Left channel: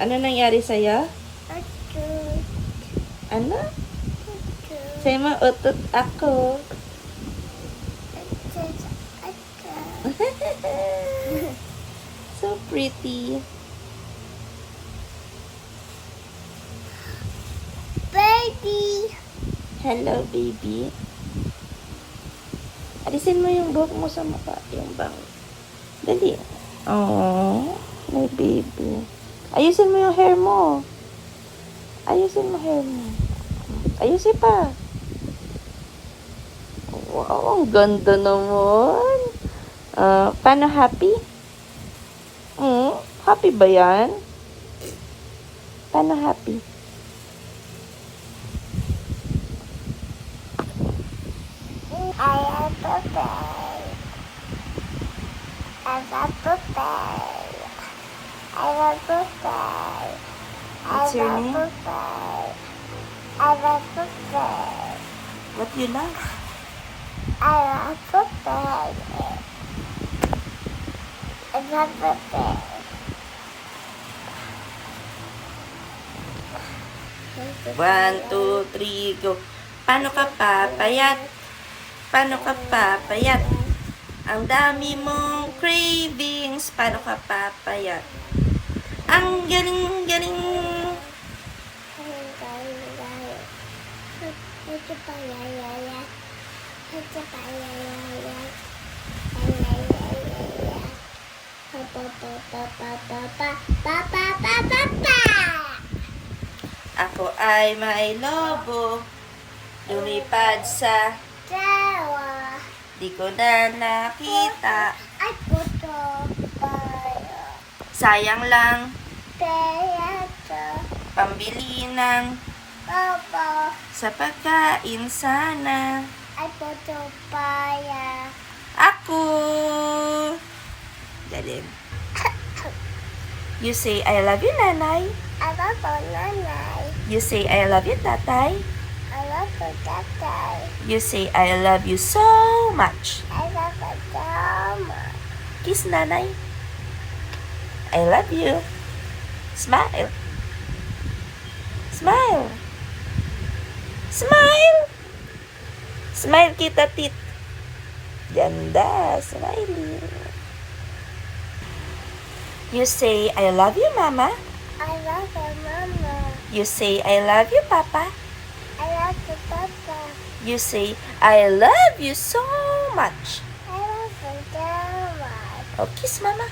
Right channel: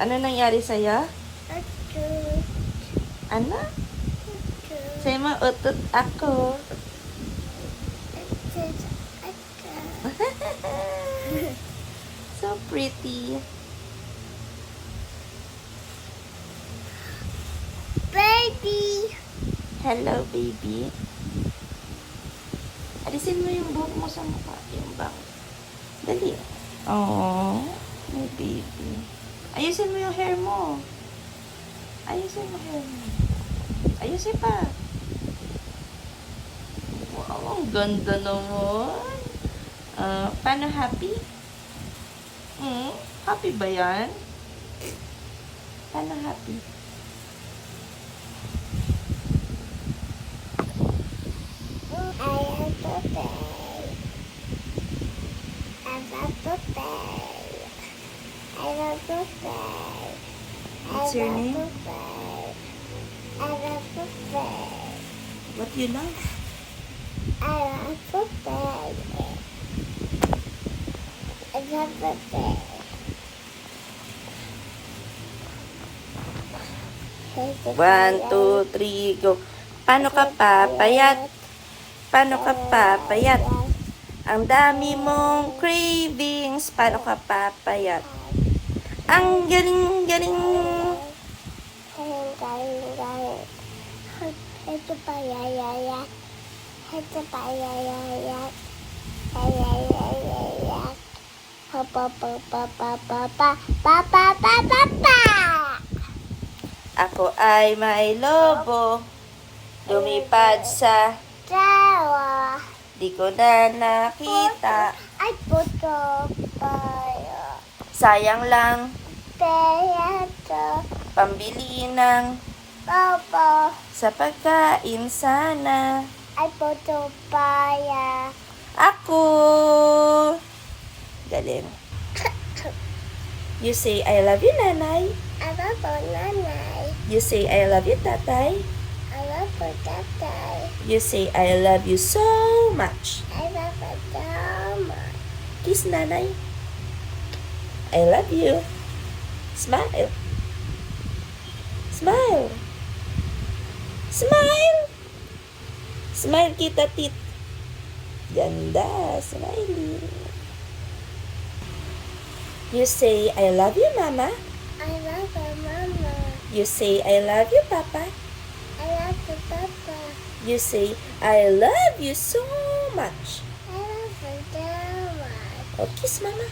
Ano nangyari sa'yo? Utot. Ano? Utot. Sa'yo mo, utot ako. Utot. Utot. So pretty. Baby. Hello, baby. Alisin mo yung buhok mo sa mukha. Yung bang. Dali. Oh, my baby. Ayusin mo yung hair mo. Ayusin mo hair mo. Ayusin pa. Wow, ang ganda naman. Paano happy? Happy ba yan? Paano happy? I love Popeye. I love Popeye. I love Popeye. I What's your love name? Popeye. I love Popeye. What do you like? I love Popeye. I love Popeye. 1, 2, 3, go. Paano ka papayat? Paano ka papayat? Ang dami mong cravings. Paano ka papayat? Ang galing-galing. Ito pa yaya. Ito pa yaya. Ako ay may lobo. Lumipad sa Tawa. di ko na nakita. Ay puto tayo. Sayang lang Kaya to. pambili ng Papa. sa pagkain sana. Ay puto paya. Ako. Galing. You say, I love you, nanay. I love nanay. You say, I love you, tatay. I love tatay. You say, I love you so much. I love mama. Kiss, nanay. I love you. Smile. Smile. Smile. Smile kita, tit. Ganda. Smiley. You say, I love you, mama. I love mama. You say, I love you, papa. I love papa. You say, I love you so much. I love mama. Oh, kiss, mama.